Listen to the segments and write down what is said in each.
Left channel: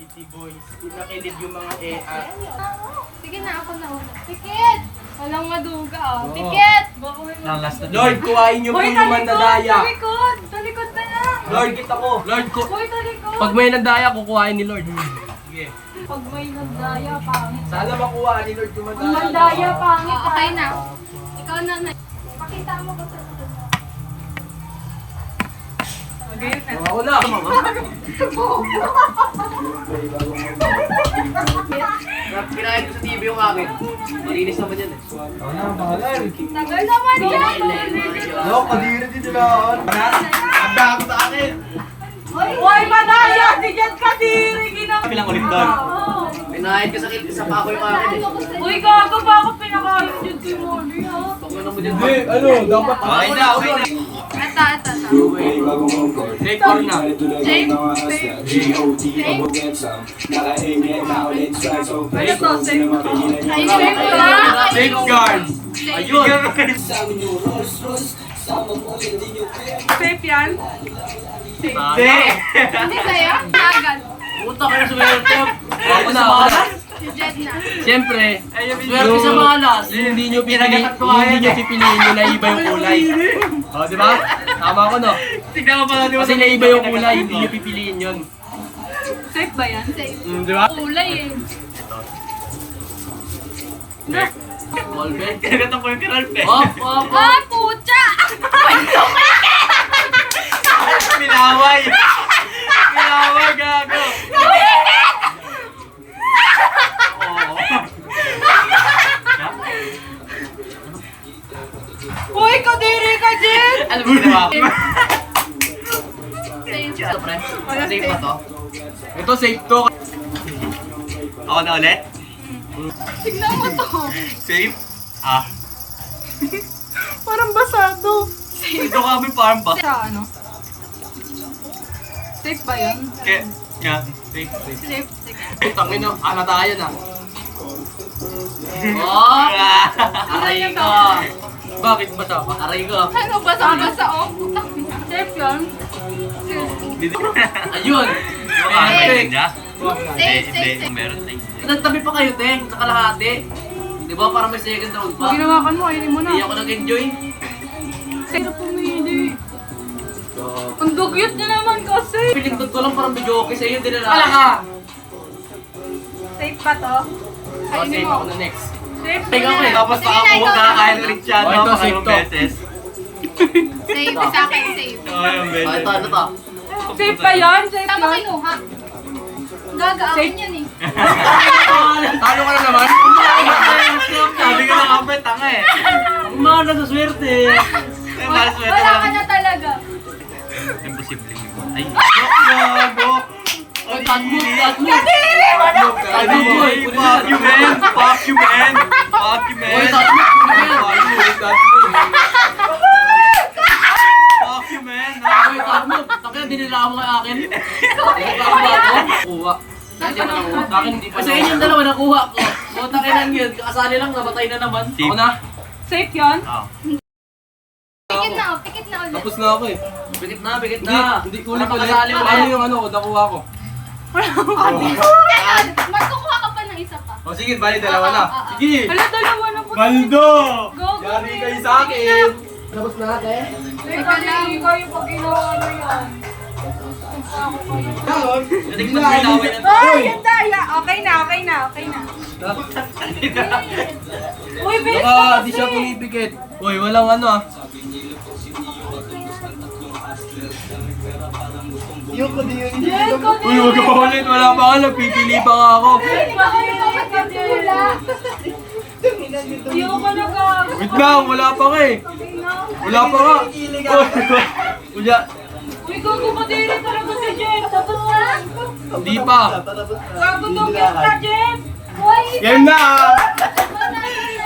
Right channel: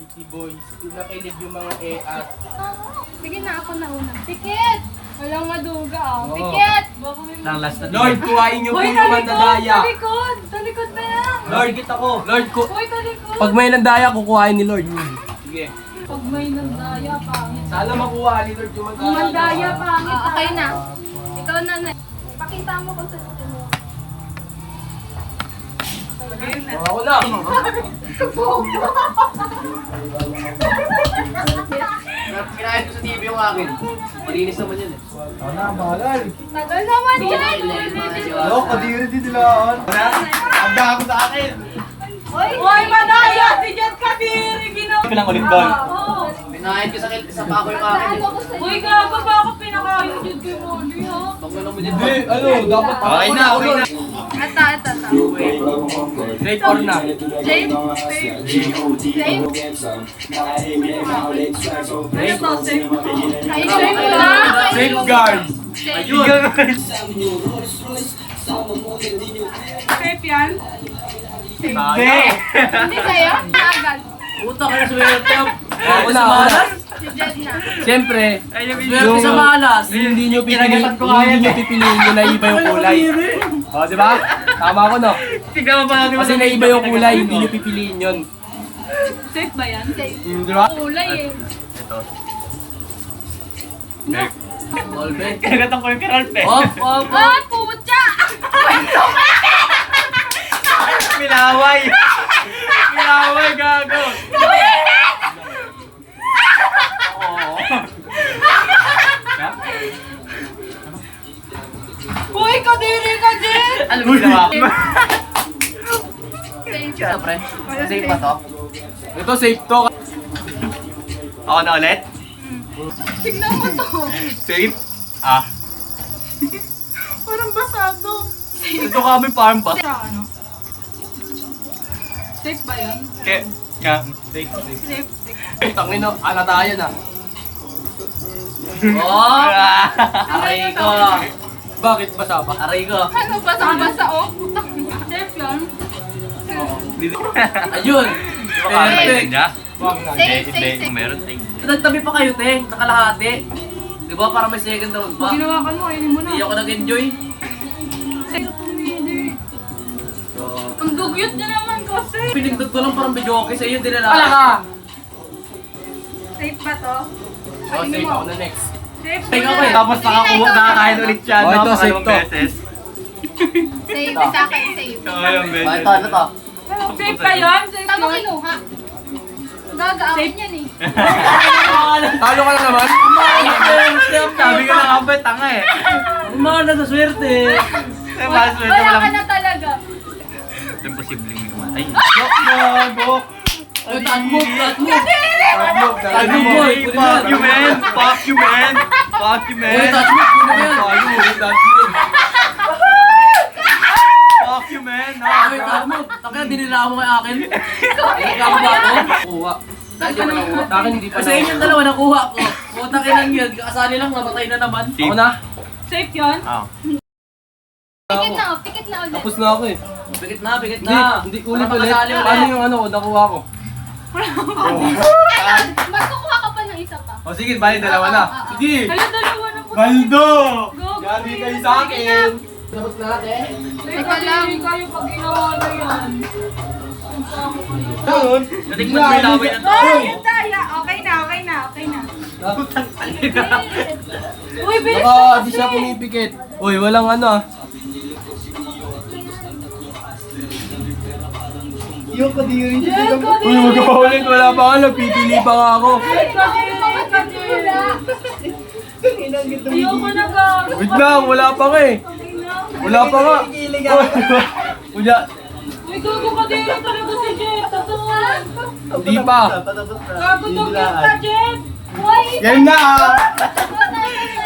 City Boys. Pinakilid yung mga at. Sige na, ako na una. Tikit! Walang maduga ah. Tikit! Nang last na Lord, kuhain niyo po yung mandadaya. Talikod! Talikod na lang! Lord, kita ko. Lord, Uy, talikod! pag may nandaya, kukuhain ni Lord. Sige. Pag may nandaya, pangit. Sana makuha ni Lord yung mandaya. Ang mandaya, pangit. Okay na. Ikaw na na. Pakita mo kung saan ito mo. Ako na. Pinakit ko sa TV yung akin. Malinis naman yan eh. Ano, bahalan. Tagal naman dyan! Kadiri din nila. Handa ako sa akin. Uy, madaya! Si Jan Kadiri! Ginawa! Pilang ulit doon. Pinakit ko sa pako yung akin eh. Uy, gago ba ako pinakain dyan kay Molly ha? Pag ano mo dyan. Hindi, ano, dapat. Okay na, okay na. Ito. Take or na. James? James? Ano to? Kainin mo na! Take guards. Ayun. Safe yan? Hindi. Hindi sa'yo? Tagal. Puta ka na swerte. Ako na, sa ako malas. Si Jed na. Siyempre, Swerte sa malas. hindi nyo pipiliin nyo na iba yung kulay. O, di ba? Tama ko, no? Tignan mo pala. Kasi na iba yung kulay, hindi nyo pipiliin yun. Safe ba yan? Safe. Di ba? Kulay eh. Ito. No. Volvet. Kailangan ko yung Karalp eh. Op. Ah, pucha! Pinaway! Pinaway, gago! Lumilit! Oo. Uy, kadiri ka, Jed! Ano mo ginawa ko? Safe. Ito pre. Safe ba to? Ito, safe to. Ako na ulit? Tignan mo to. Safe? Ah. Parang basado. Safe. Ito kami farm ba? Sa ano? Safe ba yan? Safe. Yeah, safe, safe. Safe. Sige. Tangin na, alatayan ah. Oh! Aray ko. Bakit ba ba? Aray ko. Ano, basang-basa oh. Putang ina. Safe yan? Ayun! Safe. Bakit? Safe, safe. Meron tayo. Nagtabi pa kayo, te. Nakalahati. Di ba? Para may second round pa. Ginawakan mo, ayun mo na. Hindi ako nag-enjoy. Safe na pumili. Ang dugyot niya naman kasi. Pinindog ko lang parang video okay sa iyo. Din na Wala ka! Safe ba to? Oh, Kainin safe mo. ako na next. Safe Tingnan ko eh. na. Tapos Sige na, ikaw na. nakakain ulit siya. Oh, ito, safe to. Safe, sa akin, safe. Ito, ano to? Safe ba yan? Safe tama kinuha. Gagaakin yan eh. Talo ka na naman? Sabi ko na kapit, tanga eh. Umana sa swerte. Wala ka na talaga. Imposible naman. Ay, Gago! Oy, touch move, touch move. Touch move, boy. Pwede mo yan. Fuck you, man! Fuck you, man! Fuck you, man! Oy, touch move. Pwede mo yan. Touch move! Fuck you, man! Oy, touch move. Takina, dinila mo kay akin. Nakuha ba ako? Nakuha. Hindi mo nakuha. Akin hindi pa. Kasi yun yung dalawa nakuha ko. Mutang inan yun. Kasali lang, namatay na naman. Ako na? Safe yan? Ah. Pikit na ulit. Tapos na ako eh. Bigit na, bigit na. Hindi Para ulit ulit. makasali ulit. Ano yung ano, nakuha ko? Ayun, magkukuha ka pa ng isa pa. O sige, bali dalawa na. Sige! Hala, dalawa na po. Baldo! Go, Yari go. kayo sa akin! Tapos lahat eh. Teka lang. kayo pag ginawa na yan. Ganun? Nating mo may laway yan. Ay, ang daya! Okay na. Uy, bilis Baka na di siya kasi! pumipikit. Uy, walang ano ah. Yan, Uy, huwag ka ulit. Wala pa ako. Nagpipili pa nga ako. Ayoko na ka! Wait lang, wala pa nga eh. Wala pa nga. Uy, Uy, gago ka din talaga si Jen! Tapos na! hindi pa. Gago tugyan ka, Jen! Uy! Game na ah.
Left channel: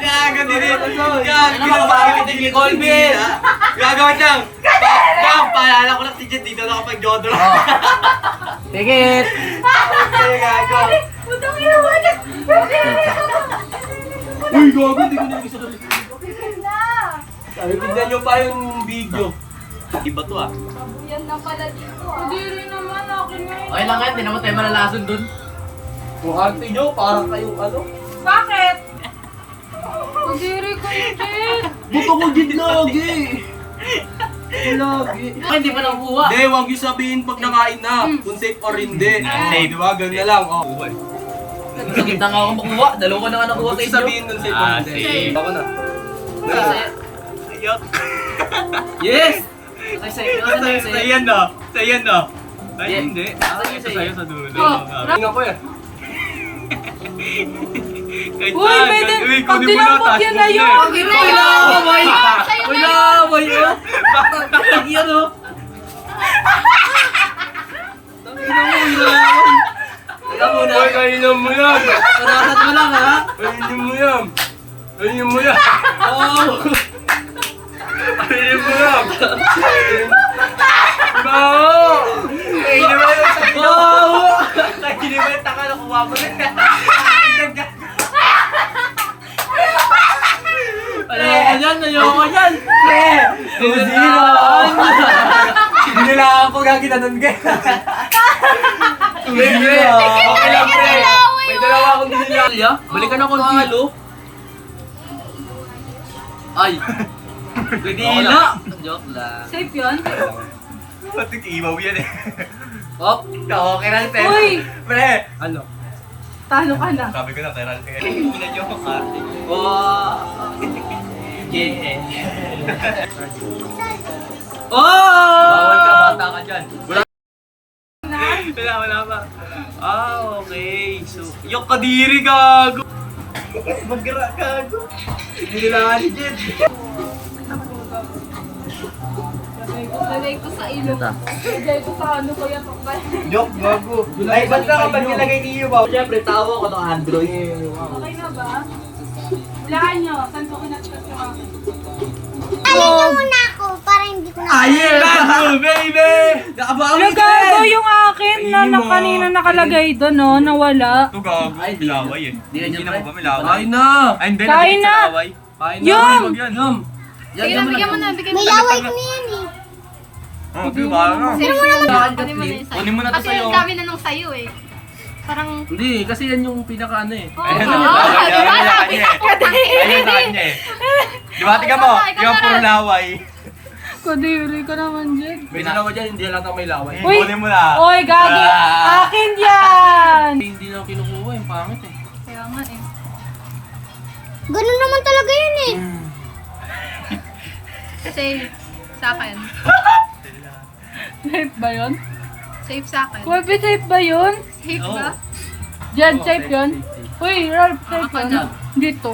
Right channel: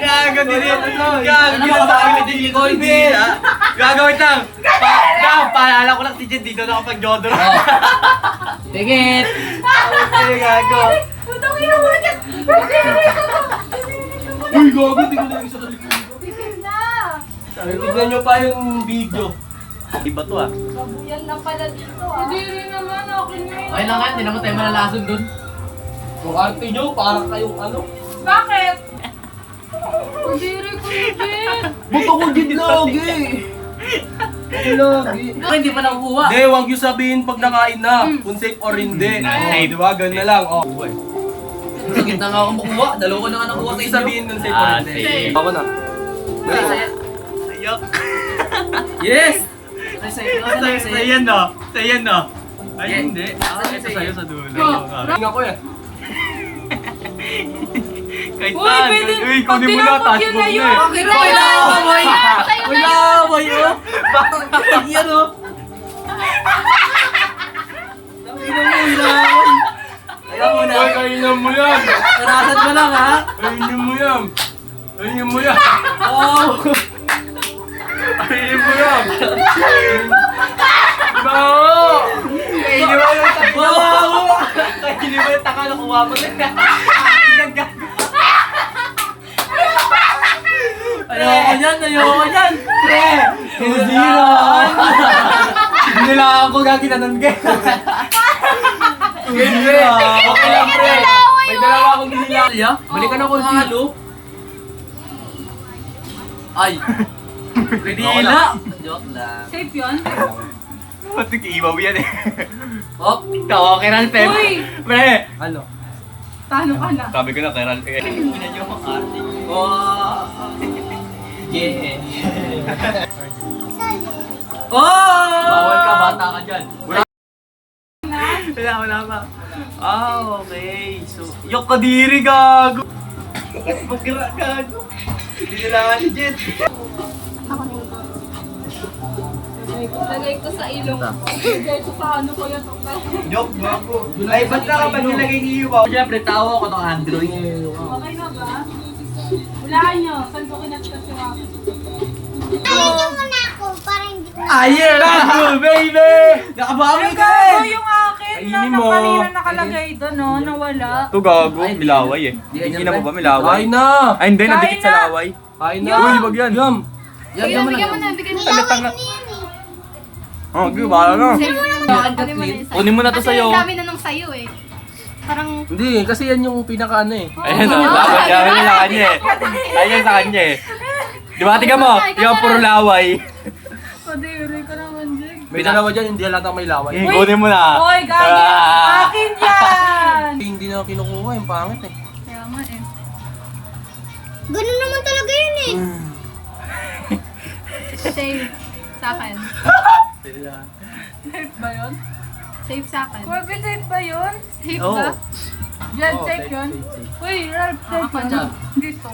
Gago din yan. Ano ba kapag din ni Colby? Gagawin lang. Paalala ko lang si Jen dito nakapag-jodor. Tigit! Gago. Putang ina mo na! Uy, gago. Hindi ko na yung isa Bigyan na! Sabi, tignan nyo pa yung video. Iba to ah. Babuyan lang pala dito ah. Kadiri naman, akin na yun. Okay lang yan, hindi naman tayo malalason dun. Kung arte nyo, parang kayong ano. Bakit? Kadiri ko yun. Buto ko din lagi. Lagi. Ay, hindi pa nakukuha. Hindi, wag yung sabihin pag nakain na. Kung safe or hindi. Okay, di ba? Ganun na lang. Oh. Sakit na nga ako makuha. Dalawa na nga nakuha Huwag sa yung inyo. sabihin kung safe or Ah, hindi. safe. Ako na. Say, say. Ayok. Yes! Say, say. Ano say, say? Sayan no. Sayan no. Ay, Yeah. hindi. Ah, Say, ito say. sa'yo sa dulo. Tingin ako eh. Kahit Uy, saan. pwede. Uy, Pag kunin mo na. tinapos Taas yan mo na na yun. eh. Bakit Sa'yo na yan, Wala, sa'yo na wala, yan. bayo. Bakit yan o? Tangina mo, hilawan. Kaya mo na. Ay, kainan mo yan. Parasan mo lang ha. Kainin mo yan. Kainin mo yan. Oh. Kainin mo yan. Baho! Kainin mo yung taka. Wow! Kainin mo yung taka. Nakuha mo na. Ayoko yan, ayoko yan. Nilalaan ko gaginanon ka. Hindi. Okay lang pre. May dalawa akong nilalaan. Alya, balikan ako ng halo. Ay. Pwede hila. Joke lang. Safe yun? Patik ibaw yan eh. Hop. Tawa kay Ral, Tem. Uy! Pre. Ano? Talo ka na. Sabi ko na kay Ral. Pinan niyo ang karting. Wow. Yeah. Oh! Bawal ka, bata ka dyan. Wala pa. Ah, okay. So, yok kadiri gago. Magkala gago. Hindi nila ni Jet. Lagay ko sa ilong ko. Lagay ko sa ano ko yan. Yok gago. Ay, ba't ka ba nilagay ni Yuba? Siyempre, tawa ko ng Android. Okay na ba? Hulaan nyo. Saan ko kinatras yung akin? Ayun niyo muna ako para hindi ko na... Ayer! Gago, baby! Nakabawi Yung ka gago eh! yung akin na Ayun mo. kanina nakalagay doon, no? Nawala. Ito gago, bilaway eh. Di ganyan, Hindi na pre. mo ba bilaway? Kain na! Ay, hindi. Kain Nagigit sa na. laway. Kain na! Yum! Uy, wag yan! Yum! Sige na, bigyan mo na, bigyan mo na. Nilaway ko na yan eh. Oh, di ba? Ano? Safe yun. Saan ka, Kunin mo na please? yung sa'yo. Kunin mo na to Kasi sa'yo. ang dami na ng sa'yo eh. Parang... Hindi, kasi yan yung pinaka ano eh. Oo, Ayun, ba? di ba? Di ba? Ayun sa Sabi kanya ko eh. po. Ayun sa kanya eh. Di ba? Tingnan mo, Ikaw na, yung puro laway. Kadiri ka naman, Jake. May dalawa dyan, hindi halata may laway. Eh, kunin mo na. Oy, gago! Ah. Akin yan! Hindi na kinukuha yung pangit eh. Kaya nga eh. Ganun naman talaga yun eh. Safe. Sa akin. Safe ba yun? Safe sa akin. Pwede safe ba yun? Safe Oo. ba? Jen, Oo, safe safe, yun? safe, safe. Uy, Ralph, safe Ako yun? dyan. Dito.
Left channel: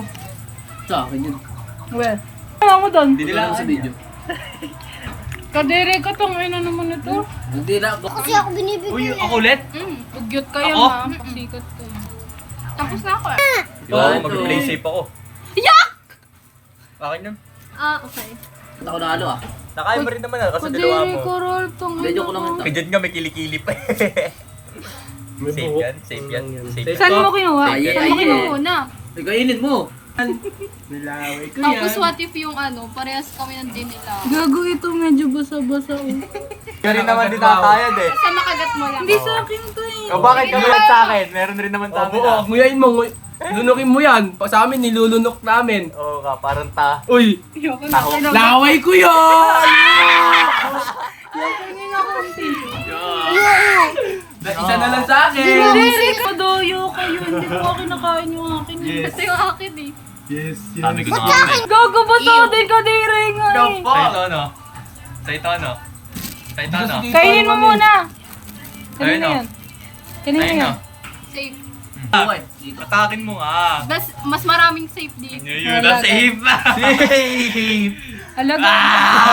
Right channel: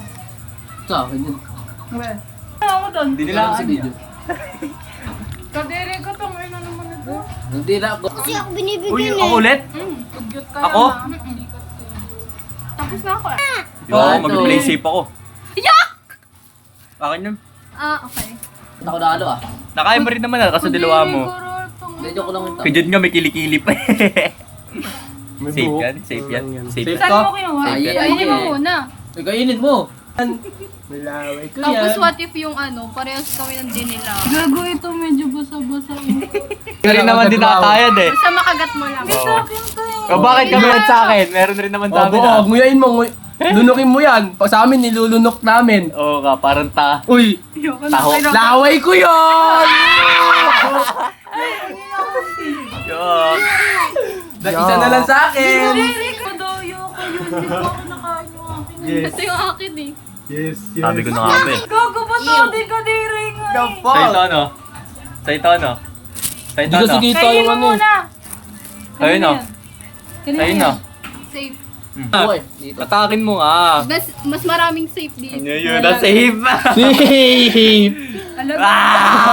Sa akin yun. Well. Ano mo doon? Hindi ko lang sa video. Kadiri ka tong ina naman na to. Hindi na ako. Kasi ako Uy, binibigyan ako eh. ulit? Pugyot kayo Ako? na. Sikat ko. Tapos na ako eh. Di ba? Mag-play safe ako. Yak! Akin yun. Ah, okay. Ba't ako nalo ah? Nakaya mo rin naman ah, kasi dalawa Kadiri mo. ko, Ralph, tong Hindi, joke ko lang ito. Kajud nga may kilikili pa eh. May Safe buhok. yan, safe yan. Safe Safe Saan to? mo kinuha? Ay, Ayan. Kainin mo muna. Eh, kainin mo. Nilaway ko Tapos yan. what if yung ano, parehas kami ng dinila. Gago ito medyo basa-basa. Oh. Ka rin naman din nakakayad eh. Basta makagat mo lang. Hindi sa akin to eh. O bakit ka meron sa akin? Meron rin naman sa Oh, amin buo, ah. nguyain mo. Lunukin mo yan. Pa sa amin, nilulunok namin. Oo ka, parang ta. Uy, Ayoko na. Taho. Kailangan- laway ko yun! Isa na lang sa akin. Kadiri ka doyo kayo. Hindi ko kinakain yung akin. Ito yung akin eh. Yes, yes. Sabi ko na nga eh. Gago ba to? Di kadiri nga eh. Sa ito ano? Sa ito ano? Sa ito Hindi kasi ano? kita Kainin yung mo ano. muna. Ayun Kanina o. yan. Kanina Ayun o. yan. Safe. Buhay. Dito. Atakin mo ah. Mas maraming safe dito. Ano yun? Na-save. Safe! Alam mo.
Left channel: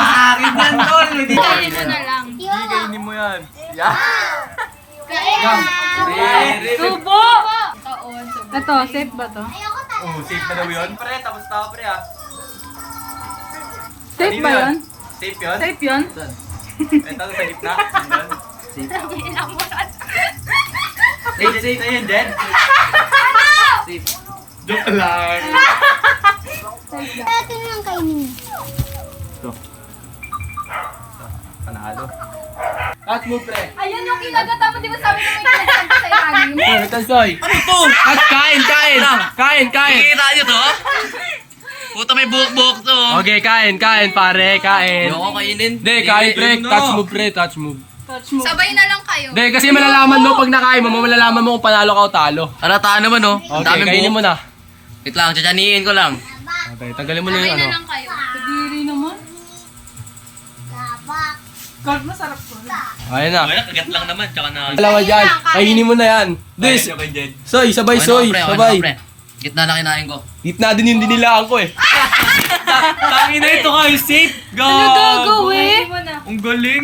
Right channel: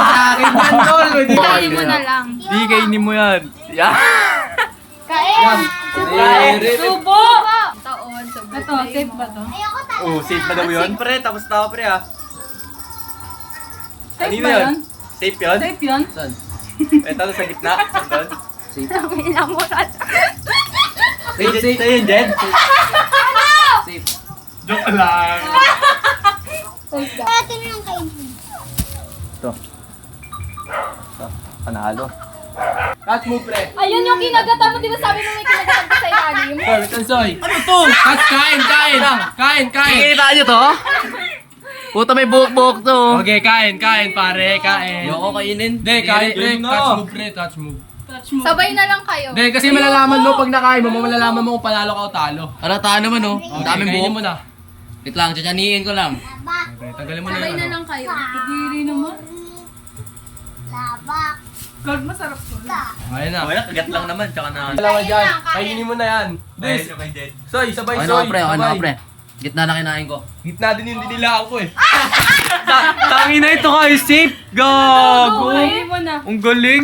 Sa akin yan, tol. Hindi Kainin mo na lang. Di kainin mo yan. Yan. Yum! Subo! Taon. Sobrang Ito, safe ba to? Oh, safe ba daw yun? Pre, tapos tao pre ah. Safe Kanino ba yun? yun? Safe yun? Safe yun? Saan? Ito sa gitna. Ito. Safe. inamuran. Ito yun, Jen. Safe. Joke lang. Safe daw. Kaya lang kainin. Ito. Panalo. Touch move, pre. Ayun yung kinagata mo, di ba sabi mo yung kinagata mo sa ilalim? Soy, Tansoy. Ano to? Touch, kain. Kain. Kikita nyo to? Puta may buhok-buhok to. Okay, kain, pare, kain. Ayoko kainin. Hindi, kain, pre. Touch move, pre. Touch move. Touch mo. Sabay na lang kayo. Hindi, kasi malalaman mo pag nakain mo, malalaman mo kung panalo ka o talo. Arataan naman oh. Ang daming kainin buhok. mo na. Wait lang, tsatsaniin ko lang. Okay, tanggalin mo na Sabay yun. na ano. lang kayo. Kadiri naman. Labak. God, masarap ko. Ayan na. Wala, kagat lang naman. Tsaka na... Alam mo dyan, kainin mo na yan. Des, Soy, sabay, Okay na Soy, ka, pre. Okay na sabay. ka, pre. Gitna na kinain ko. Gitna din yung dinilaan ko eh. Tangin na ito kayo, safe. Gago Gago. eh. Mo na. Ang galing.